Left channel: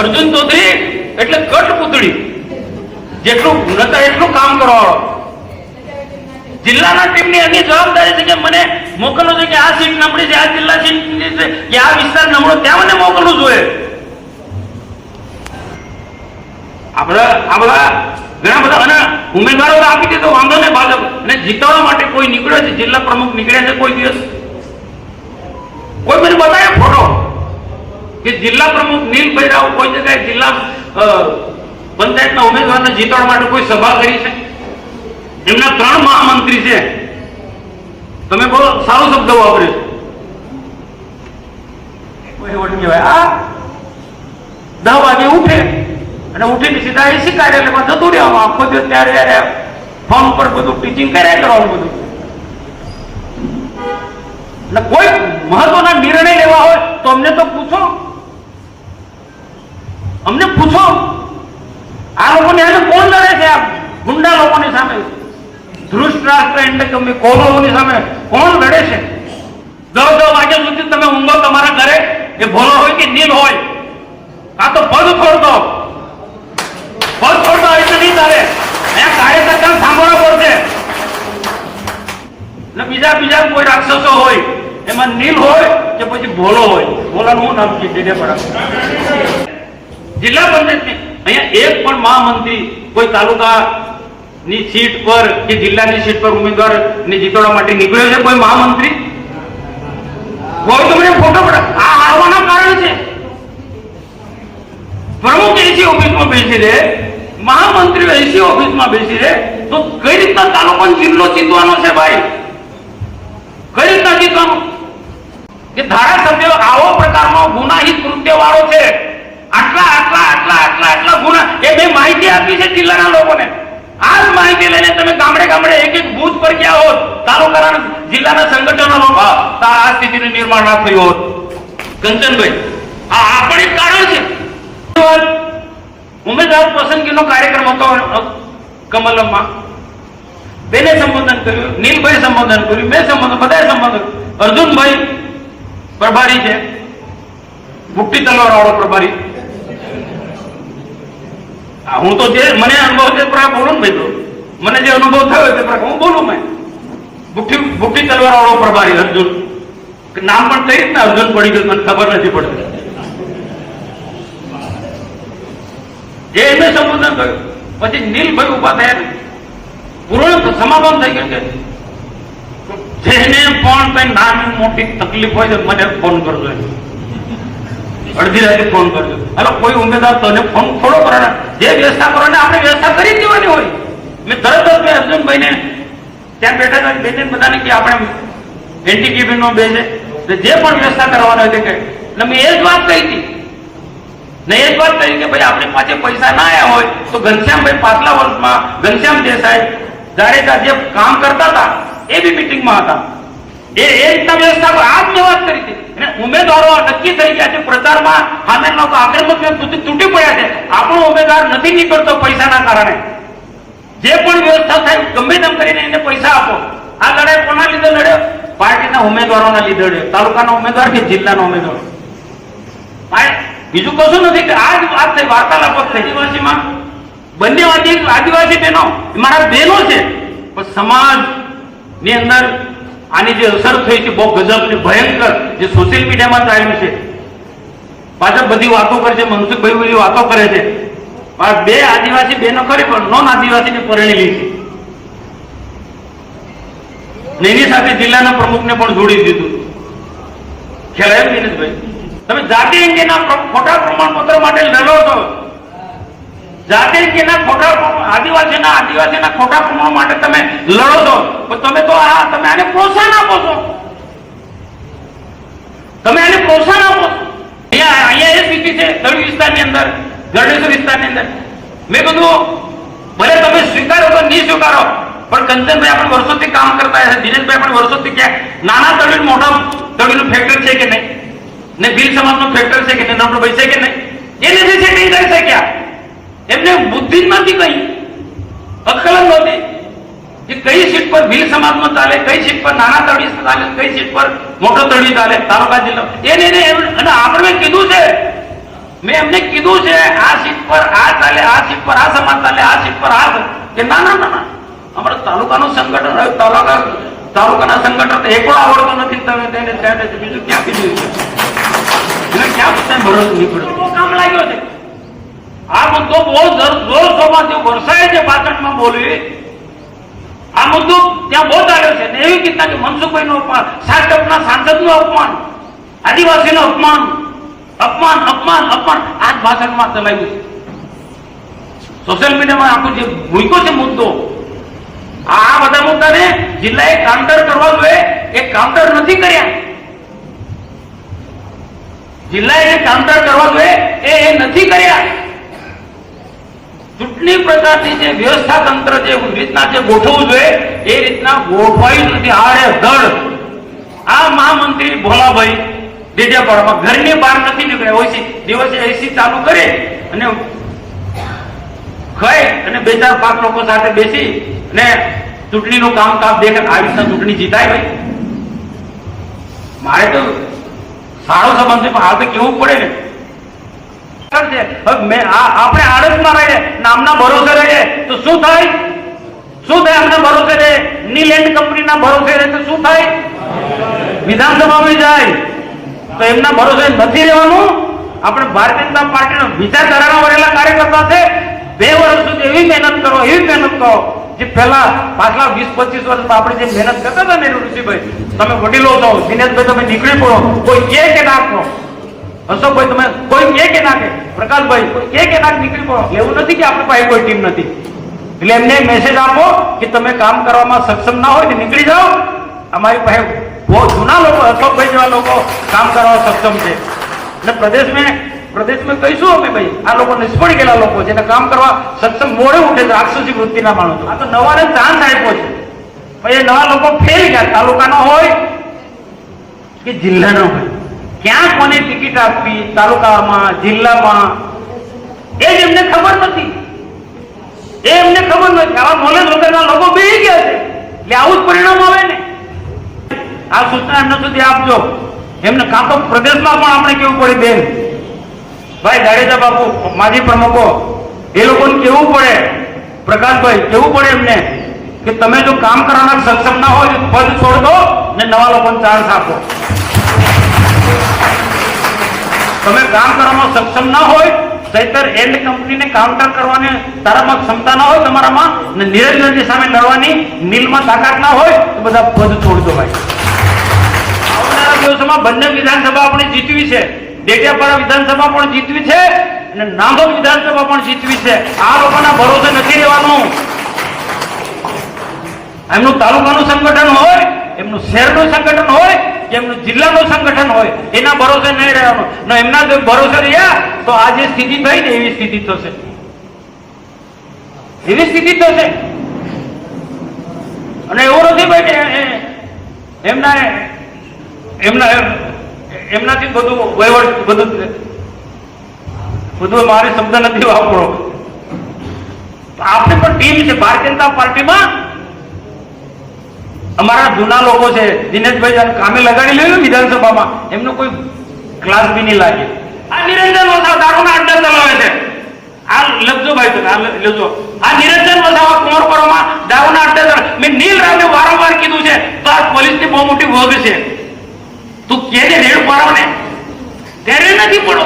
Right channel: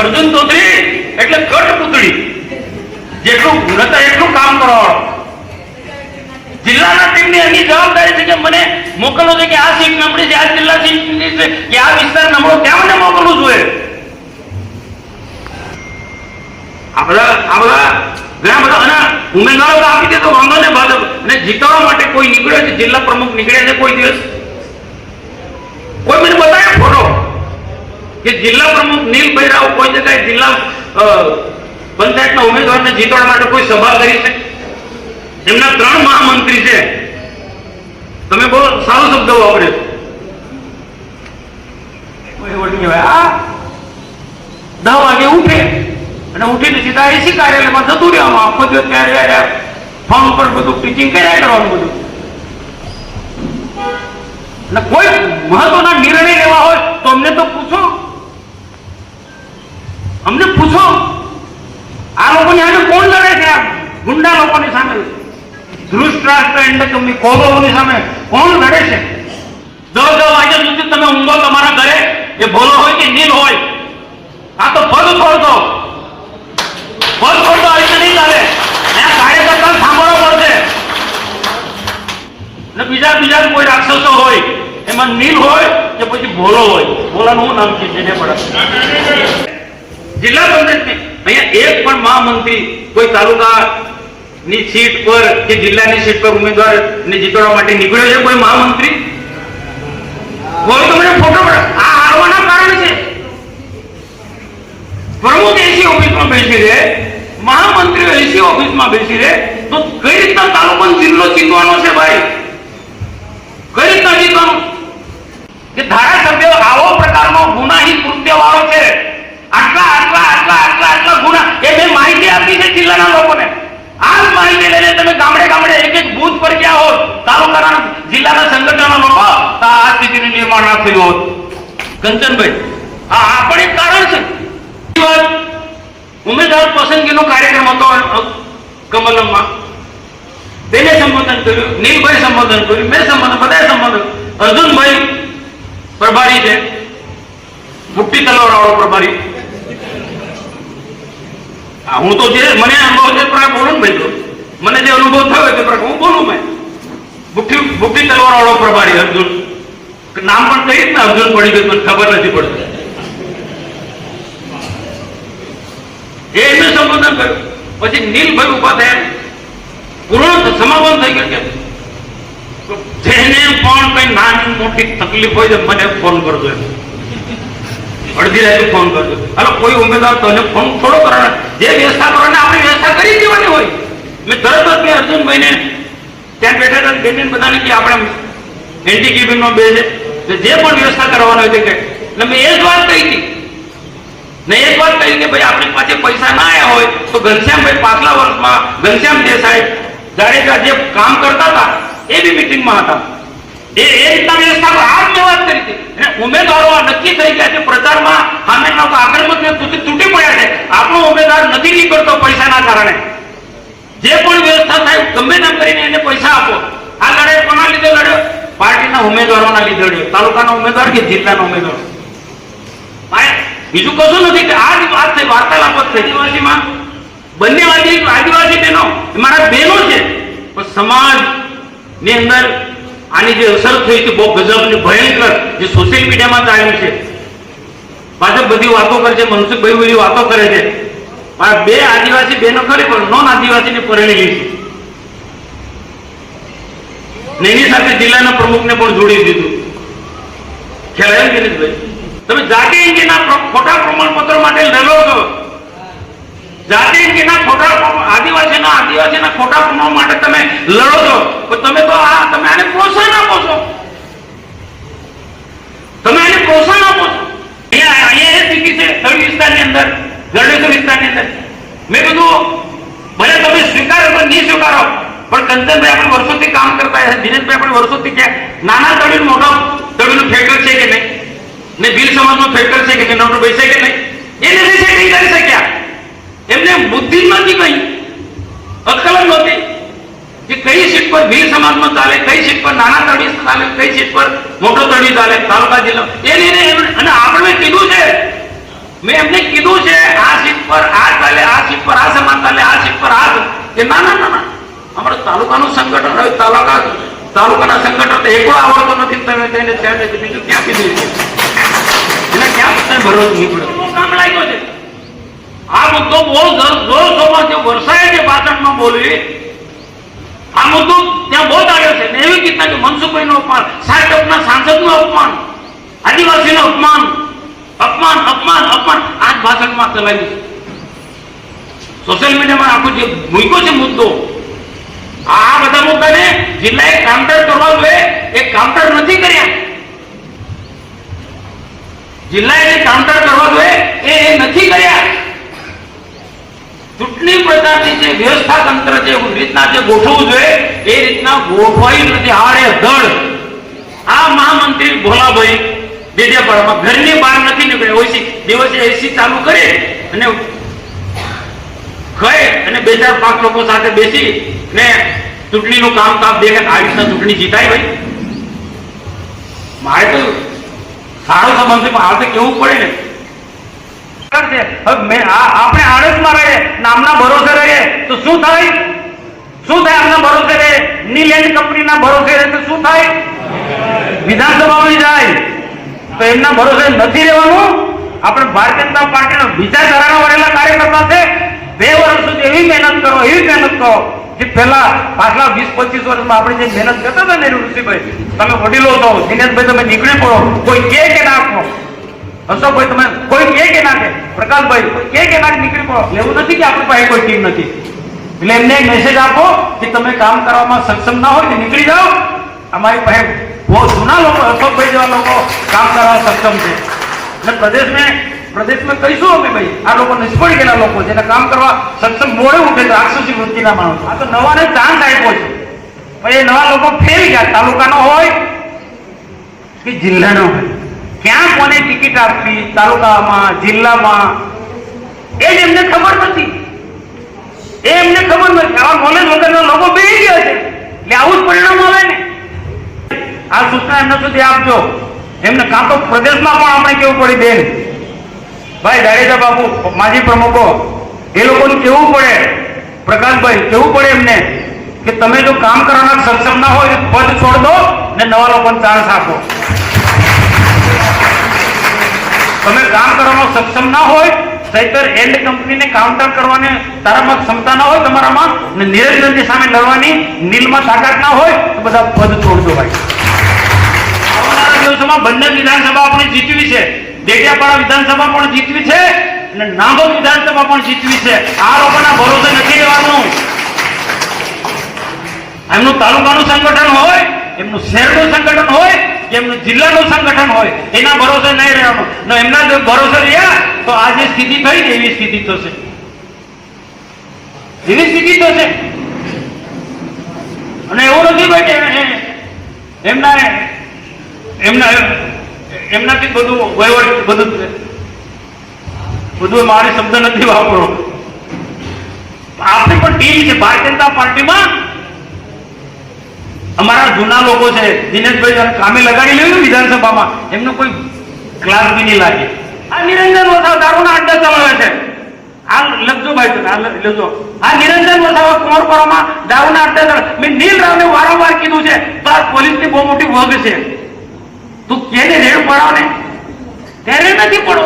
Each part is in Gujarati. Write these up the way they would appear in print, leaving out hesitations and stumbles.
અર્જુન ચૌધરી એટલે કઠપુતળી, જેટલું નતા એટલું કામ કરવાવાળો. જિલ્લાના ટીમની એની જવાબદારી છે કે મને મોકલવો છે કે આ સીટ નબળી છે, આ જિલ્લા સીટની છે કે આ વિસ્તાર નબળો, ત્યાં મને મોકલવું જોઈએ. ઘણા બધા અને ઉમેદવારો આપી દે તો વાંધો ને ભાજપ અને જીતવા માટે કોઈ નીકળ્યો છે, જિલ્લા પ્રમુખ નીકળ્યા છે કોઈ દિવસ? કોઈ મને બતાવે ફોટો કે જિલ્લા પ્રમુખ નીલભાઈ રાવ કોઈ જગ્યાએ જિલ્લા પંચાયતના ઉમેદવારને જીતવા માટે કોઈ સભા કરી છે? એમના 3 મહામંત્રી છે. તમે બોલો, સારો શબ્દ વાપર્યો. કોઈ ઓળખી હોય આ 10 વાગે ઉઠે અને ઉઠીને સીધા એસી કાર્યાલયમાં જતું રહેવાનું. આખો દિવસ ત્યારે ફોન પર બધું ટીચિંગ કર્યા કરવાનું બધું. કોઈ મહત્વના નિર્ણય લેવા હોય તો અમને તો પૂછો, અમને પૂછો. આ લોકોની સામે કોણ લડે છે? આ ગુંડા લોકોની સામે, ધૃષ્ટરાષ્ટ્ર એટલે કે કૌરવોની સામે કોણ લડે છે? 10 વાગ્યા સુધી તમે ઊંઘો તમારા ઘરે, એ ભોલો હોય કે નીલ હોય, આ તો પગ છોડતો હોય તો નહીં ચાલે. અહીંયા કાર્યકર્તા સાંભળવો પડશે. ને બીજા કોઈ રાક્ષસો હોય, એમાં નીલ હોય કે પછી ભોલો હોય. ભોલાનું શું નામ છે? જેને પડે જિલ્લા પંચાયતની અહીંયા એક પણ મહામંત્રી કોઈ તાલુકાની સીટ પર કે જિલ્લાની સીટ પર ઉમેદવાર ને જીતવા માટે નીકળ્યો છે કોઈ મહામંત્રી? હોય તો મને ફોટો પડે. આ હારવાના કારણ છે. પ્રમુખ એસી ઓફિસમાં બેસી રહે, મહામંત્રીઓ એસી ઓફિસમાં બેસી રહે, તો કઈ રીતના તાલુકો જિલ્લો જીતવાનો છે ભાઈ? કઈ રીતના જીતવાનું? કે ધારાસભ્ય આવો પ્રકારનો ગુનાહિત કૃત્ય વાળો છે, આટલા ગુના, એ મેં માહિતી આપી છે જિલ્લાના લોકોને. આ જ માહિતી લઈને તમે ગામડે એક બૂથ પર ગયા હોત, તાલુકાના જિલ્લાના સંગઠનો લોકો, તો આ સ્થિતિનું નિર્માણ ના થયું હોત. કંચનભાઈ, આ પણ એક કારણ છે. ઉમેદવાર પસંદગીનો કાર્યક્રમ હતો કમલમમાં. બેને સંબોધન કર્યું, નીલભાઈ સંબોધન કર્યું, મેં સંબોધન, બધાએ સંબોધન. અર્જુનભાઈ પ્રભારી છે, મુઠ્ઠી તલવાર વાળો પ્રભારી. હું તો જે મને અનુભવ છે બોલું ભાઈ, તો મને જે અનુભવ થયો તે પ્રકાર હું બોલું. મેં મુઠ્ઠી તલવાર વાળો પ્રભારી અર્જુન, નામ પણ કઈ રીતના અર્જુન પડી ગયું મને ખબર નથી પડતી. એમને સંબોધન કર્યું. પછી નીલભાઈ ઉભા થયા, પૂર્ણ સમાપન થઈ ગયું. જેને પણ કઈ નાની મોટી તકલીફ હોય તો મને ફોન કરજો, અડધી રાતે ફોન કરજો. હાલો, કોઈ ઉમેદવાર તને ફોન થોડો કરવાના, જે વ્યવસ્થા કરવાની આપણે વ્યવસ્થા કરી દેવાની હોય. મેં તરત જ અર્જુનભાઈને ત્યાં બેઠા હતા, બેને બધાને કે આપણે એન્ટી કેબિનનો બે છે, જે પણ વ્યવસ્થા કરવાની હોય તે કહે. એટલે મેં એ જ વાત કહી હતી ને, એક વાત કહી કે ભાઈ આપણી પાસે પૈસા ના આવ્યા હોય તો ઘનશ્યામભાઈ પાછલા વર્ષમાં ઘનશ્યામ દેસાઈ જાડેજા જે કામ કરતા હતા એ બી મીટિંગમાં હતા. એ રીતના વ્યવસ્થા આ જ વાત કરી હતી. અને ઉમેદવારો નક્કી થઈ ગયા છે પ્રચારમાં, સામેના આક્રમક તૂટી પડ્યા છે. આપણો ઉમેદવાર નથી નીકળતો પૈસાના કારણે. જે પણ વ્યવસ્થા થાય ગમે તેમ કરીને એને પૈસા આપો. આ લડાઈ કોના લીધે લડ્યો? પાર્ટીના ઉમેદવારોના લીધે લડ્યો. તાલુકાના ઉમેદવાર કે જિલ્લાના ઉમેદવારો. બીજું કશું નથી. આ જ વાત થઈ, વાર્તાલાપ થઈ. આદિવાસીમાં બંને આદિવાસી બહેનો મારા બહેનો છે, પણ સમાજ ની અંદર આની જે અસર થઈ છે બહુ ગજબની, ભયંકર, જે સોશિયલ મીડિયામાં ચાલ્યું છે. પાછળ બધી વાતો કરે છે, મનસુખભાઈ બધી વાતો કરે છે. બે આદિવાસી બહેનો ખરી પણ નોન આદિવાસીને પરણેલી છે. એની સાથે જિલ્લાના પ્રમુખને પણ જોડી દીધું. ખ્યાલ આવ્યો કિરીટભાઈ? તમે જાતિ અંગેના ખોટા પ્રમાણપત્ર માટે લડો છો. જાતિ અંગેના ખોટા આદિવાસીના ખોટા પ્રમાણ માટે તમે લડો છો. તમે તો તમે આને પ્રોત્સાહન આપો છો. તમે આને પ્રોત્સાહન આપો છો. અહીંયા એ સ્થિતિ છે તળી વિસ્તારની અંદર, ગરડેશ્વર વિસ્તારની અંદર. મેં કીધું ભલે તમે સ્વીકારો તો નહીં સ્વીકારો, પણ કંચનભાઈ આપણે વર્ષોથી કામ કરતા છે, દિનેશભાઈ પણ વર્ષોથી ક્યાં નાના તળીનું મોટા તળીનું ફેક્ટર છે કે નહીં, ને ભીલ સમાજનો ફેક્ટર છે કે નહીં, બેસે કે નહીં, એ નથી કરી શક્યા. એમને બુદ્ધિ નથી, કઈ અક્કલ નહોતી કે કઈ સીટ પર ભીલ સમાજનો ચાલે, કઈ સીટ પર નાના તળી ચાલે, કઈ સીટ પર મોટો તળી ચાલે, તાલુકા જિલ્લો. અને આપણે કીધું છે મેં એમને કીધું છે આ સીટ પર આ ચાલે, આ સીટ પર આ સમાજ ચાલે, આ સીટ પર આ કે ના ના ના ના, અમારું તાલુકાનું સંગઠન હોય, તાલુકાના સંગઠન એકલો આવડતો નથી, તમે તેને બીજું ક્યાં કીધું છે એને ક્યાં તમે ભરોસો નીકળ્યો કામ લાગ્યો છે. આ મુદ્દો બહુ જોર શોરમાં જે વરસાય છે પાટણમાં બોલવી, આ મુદ્દો ત્યાં બહુ આવ્યો છે. એવી રીતના કે મનસુખભાઈનું અપમાન, સાંસદના સાંસદનું અપમાન, આદિવાસીનું અપમાન, અપમાન અપમાન અપમાન આ જ ભાષણમાં ચલાવ્યું છે. સોશિયલ મીડિયામાં આખું જે મૂક્યો છે મુદ્દો, આ બધા મુદ્દાને જિલ્લાએ કાઉન્ટર કરવા જોઈએ, એ કાઉન્ટર નથી કર્યા. જિલ્લાએ જે કાઉન્ટર કરવા જોઈએ એ નથી કર્યા. ચૂંટણી પ્રચારની જે વ્યવસ્થા તંત્ર જે રીતના જે ગોઠવવું જોઈએ એ રીતના ગોઠવાયું નથી. આડે ધડ આ મહામંત્રી ભોલાભાઈ ડેડિયાપાડામાં ઘરની બહાર નથી નીકળ્યા. ઓછી દિવસે એસી ચાલુ કરે અને ખાય અને 2-4-5 લોકો સાથે બેસી ને ચૂંટણીનું કામ બે આ રીતના ચૂંટણી જીતાય. ભાઈ મારે તો સારો સંબંધ છે પણ આ તો કેવું પડે ને. આપણે આડતમાં રહીએ, નામના ભરોસે રહીએ તો શું થાય? શું થાય? આમના ભરોસે રહીએ, નીલેન્ડ કંપનીના ભરોસે રહીએ તો શું થાય? વિધાનસભામાં જાય તો એમના ભરોસે નથી રહેવાનું. આપણે ભારતીય જનતા પાર્ટીના વિચારધારાના વડેલા કાર્યકર્તા છે. 2 વર્ષ સુધી એવી મહેનત કરો, એવી મહેનત કરો જે પહેલા પાછલા 20-25 વર્ષમાં આપણે જે મહેનત કરતા હતા ને ઋષિભાઈ, તમે વડીલો છો, દિનેશભાઈ તમે નીકળી પડો, કોઈ કે નાખો, અશોકભાઈ તમે કોઈ કે નાખે, પ્રકાશભાઈ કોઈ કે નાખે નીકળી પડો. એવું નથી કે આપણી પાસે કોઈ ટીમ નથી. એટલે એમને મેસેજ આપો કે તમે કામ કરવામાં સક્ષમ ના હોય ને નીકળી જાઓ. અમારી પાસે બહુ જૂના લોકો, અશોકભાઈ જેવા લોકો કામ કરવા સક્ષમ છે. એટલે પ્રદેશમાં કહીશું અમે ભાઈ આ લોકો નિષ્ફળ ગયેલા લોકો જેને કામ કરવા સક્ષમ મોડે ઉઠે છે, રાક્ષસી વૃત્તિના માણસો. આ તો નવાને ચાન્સ આપ્યો છે. ભાઈ એ નવા લોકો ફેરી ગયા, તાલુકાનો હોય કે જિલ્લાનો હોય, ક્યાં કોને ટિકિટ આપવી, તાલુકામાં જિલ્લામાં એ જ એમને ખબર નથી. એ એમને ખબર નથી. આવા નોલેજ વગરના લોકો બેસી ગયા છે. એટલે આવું જ પરિણામ આવે ને. આ સૂચના એમને સુધી આપજો. એમને કાં તો પ્રદેશમાં પણ આપણે કેવું પડી બેન ભાઈ જાડેજા બાપુ માજી પ્રમુખો એ લોકોનું કેવું પડે, પ્રકાશભાઈ કેવું પડે એમને કે તમે જો કામ કરવાના સક્ષમ ના હોય તો પદ છોડ દો ને નવા લોકોને ચાન્સ આપો. તમે કામ કરવામાં સક્ષમ ના હોય, સૈતર એન્ડ કંપનીને કાઉન્ટર કરવાની તારામાં ક્ષમતા ના હોય તમારામાં, ને નિરંજનની સામે લડવાની નીલમાં તાકાત ના હોય તો બધા પદ છોડ દો. ભાઈ આવનારા દિવસોમાં બંને વિધાનસભા આપણે જીતવી છે. ડેડિયાપાડા વિધાનસભા પણ જીતવી છે અને નાંદોદ વિધાનસભા પણ જીતવી છે. આ લોકોના ભરોસે નથી રહેવાનું. એમનું તાલુકાનું સંગઠન હોય, એમનું શહેરનું સંગઠન હોય કે એમનું જિલ્લાનું સંગઠન હોય, એના ભરોસે નહીં રહેવાનું. ને એમના જો ભરોસે રહ્યા તો આ જે સ્થિતિ થઈ ને એવી સ્થિતિ થશે, એવી સ્થિતિ થશે. અને એવું નથી ભાઈ એમનાથી બધું વહીવટ બધું મારે શબ્દ નથી વાપરો. આપણે પણ ટીમ છે ભારતીય જનતા પાર્ટીમાં. અમારા જૂના લોકો છે, દિનેશભાઈ કામે લગાડી લેવું વિધાનસભામાં, એમનું કોઈ ક્લાસ બી નહીં લાગે. આ નિરંજન વસાવા દારૂના અડ્ડા ચલાવે છે. આ લખજો ભાઈ, આ લખજો. આ નિરંજન વસાવા કુંવરપાડામાં દારૂના અડ્ડા ચલાવે. મેં નીલ રાવને વારંવાર કીધું છે તો આ પોલીસની બહુ મોટી વગ છે. તું કેને રેડ પાડો ને ત્યારે નથી પડો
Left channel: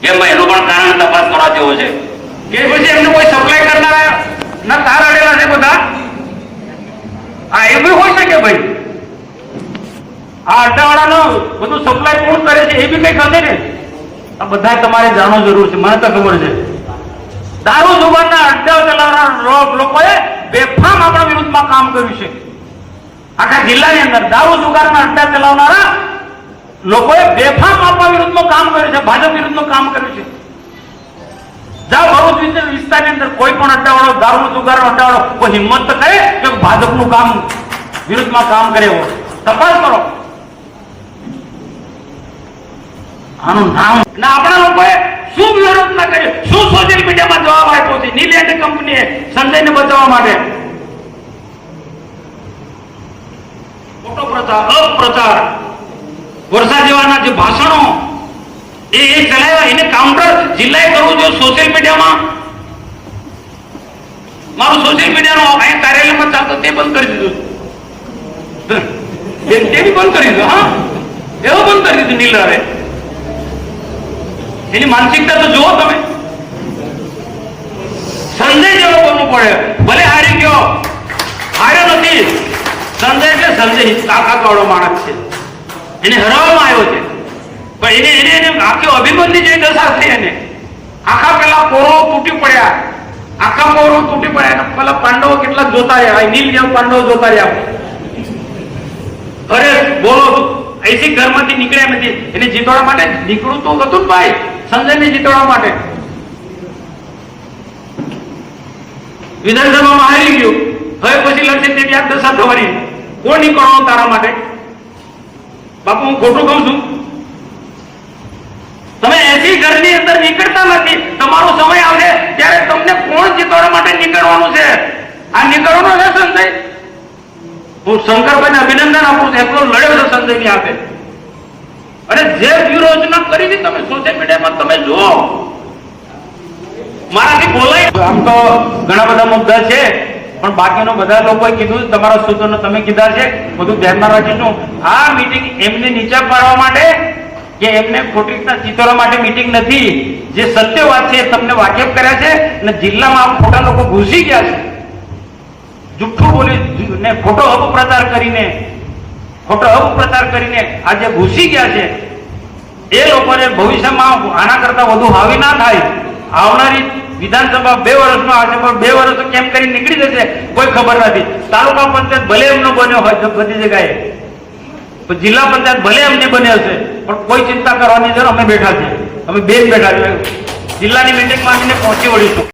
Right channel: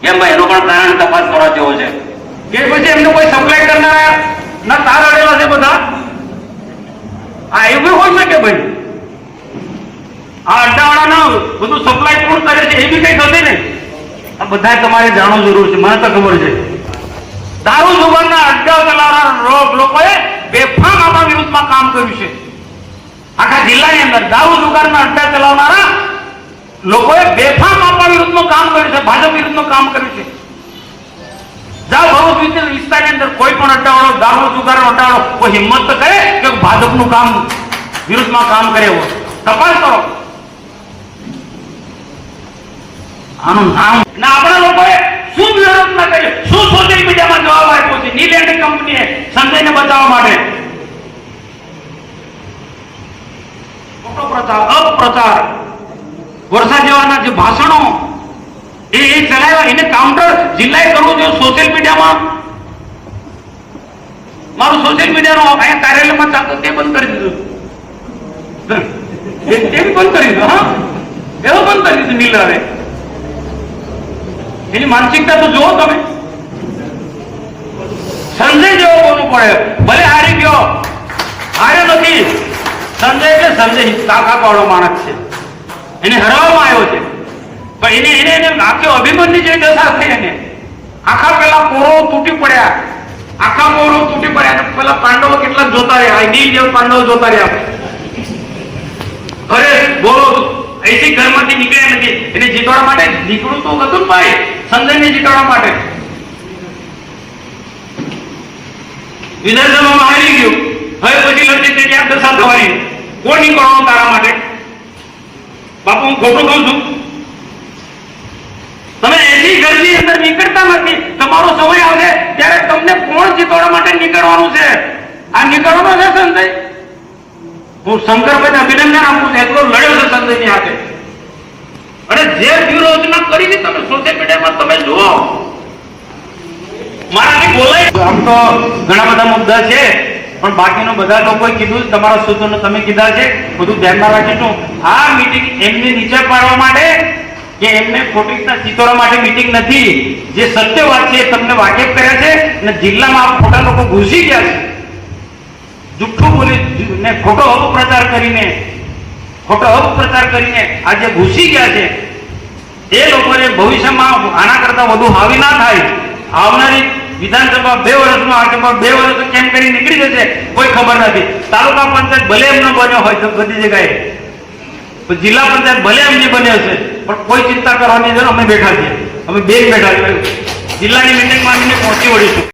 કેમ ભાઈ? એનું પણ કારણ તપાસ કરવા જેવું છે કે પછી એમને કોઈ સપ્લાય કરનારા ના તાર અડેલા છે બધા. આ એવું હોય શકે ભાઈ? આ અડ્ડાવાળા બધું સપ્લાય કોણ કરે છે એ બી કઈ થશે ને. આ બધા તમારે જાણવું જરૂર છે. મને તો ખબર છે દારૂ જુગારના અડ્ડા ચલાવનારા લોકોએ બેફામ આપણા વિરુદ્ધમાં કામ કર્યું છે. આખા જિલ્લાની અંદર દારૂ જુગારના અડ્ડા ચલાવનારા લોકોએ બેફામ આપણા વિરુદ્ધમાં કામ કર્યું છે, ભાજપ વિરુદ્ધમાં કામ કર્યું છે. જાઓ ભરૂચ વિસ્તારની અંદર કોઈ પણ અડ્ડાવાળો, દારૂ જુગારનો અડ્ડાવાળો કોઈ હિંમત તો કરે કે ભાજપનું કામ વિરુદ્ધમાં કામ કરે હોય તપાસ કરો. આનું નામ ના આપણા લોકોએ શું વિરોધ ના કર્યો, શું સોશિયલ મીડિયામાં જવાબ આપ્યો છે નીલેન્ડ કંપનીએ સંજયને બચાવવા માટે? ખોટો પ્રચાર, અપપ્રચાર, વર્ષા જેવાના જે ભાષણો એ ચલાવ્યા, એને કાઉન્ટર જિલ્લાએ કરવું જોઈએ સોશિયલ મીડિયામાં. મારું સોશિયલ મીડિયાનું કાર્યાલયમાં ચાલતું તે બંધ કરી દીધું, તે બી બંધ કરી દીધું. હા, એવો બંધ કરી દીધું નીલ રાવે. એની માનસિકતા તો જુઓ તમે. સંજય જેવો બોલવું પડે, ભલે હારી ગયો, હારે નથી. સંજય કે સંજય તાકાત વાળો માણસ છે, એને હરાવવામાં આવ્યો છે, પણ એને આખી અભિમન્યુ જેવી દશા થઈ. એને આખા પેલા કોરો તૂટી પડ્યા, આખા કોરો તૂટી પડ્યા. પેલા પાંડવો કેટલાક જોતા રહ્યા, નીલ જેવા પાંડવો જોતા રહ્યા. અરે બોલો, એસી ઘરમાંથી નીકળ્યા નથી. એને જીતવા માટે નીકળવું તો હતું ને ભાઈ, સંજયને જીતવા માટે. વિધાનસભામાં હારી ગયું, હવે પછી લડશે તે ક્યાંક દશા થવાની. કોણ નીકળવાનું તારા માટે? બાપુ હું ખોટું કહું છું? તમે એસી ઘરની અંદર નીકળતા નથી. તમારો સમય આવશે ત્યારે તમને કોણ જીતવા માટે નીકળવાનું છે? આ નીકળવાનું છે સંજય. હું શંકરભાઈને અભિનંદન આપું છું, એટલો લડ્યો છે સંજયની હાથે. અને જે વ્યૂહરચના કરી છે તમે સોશિયલ મીડિયામાં તમે જુઓ, મારાથી બોલાય. આમ તો ઘણા બધા મુદ્દા છે, પણ બાકીનું બધા લોકોએ કીધું, તમારા સૂત્રોને તમે કીધા છે, બધું ધ્યાનમાં રાખીશું. આ મીટિંગ એમને નીચે પાડવા માટે કે એમને ખોટી રીતના ચિતરવા માટે મીટિંગ નથી. જે સત્ય વાત છે તમને વાકેફ કર્યા છે, અને જિલ્લામાં ખોટા લોકો ઘૂસી ગયા છે, જુઠ્ઠું બોલી ને ખોટો અપપ્રચાર કરીને આજે ઘૂસી ગયા છે. એ લોકોને ભવિષ્યમાં આના કરતા વધુ હાવી ના થાય. આવનારી વિધાનસભા 2 વર્ષમાં આ 2 વર્ષ કેમ કરી નીકળી જશે કોઈ ખબર નથી. તાલુકા પંચાયત ભલે એમનો બન્યો હોય તો બધી જગ્યાએ, જિલ્લા પંચાયત ભલે એમની બની હશે, પણ કોઈ ચિંતા કરવાની જરૂર. અમે બેઠા છીએ, અમે બેન બેઠા છીએ. જિલ્લાની મિટિંગમાં પહોંચી વળીશું.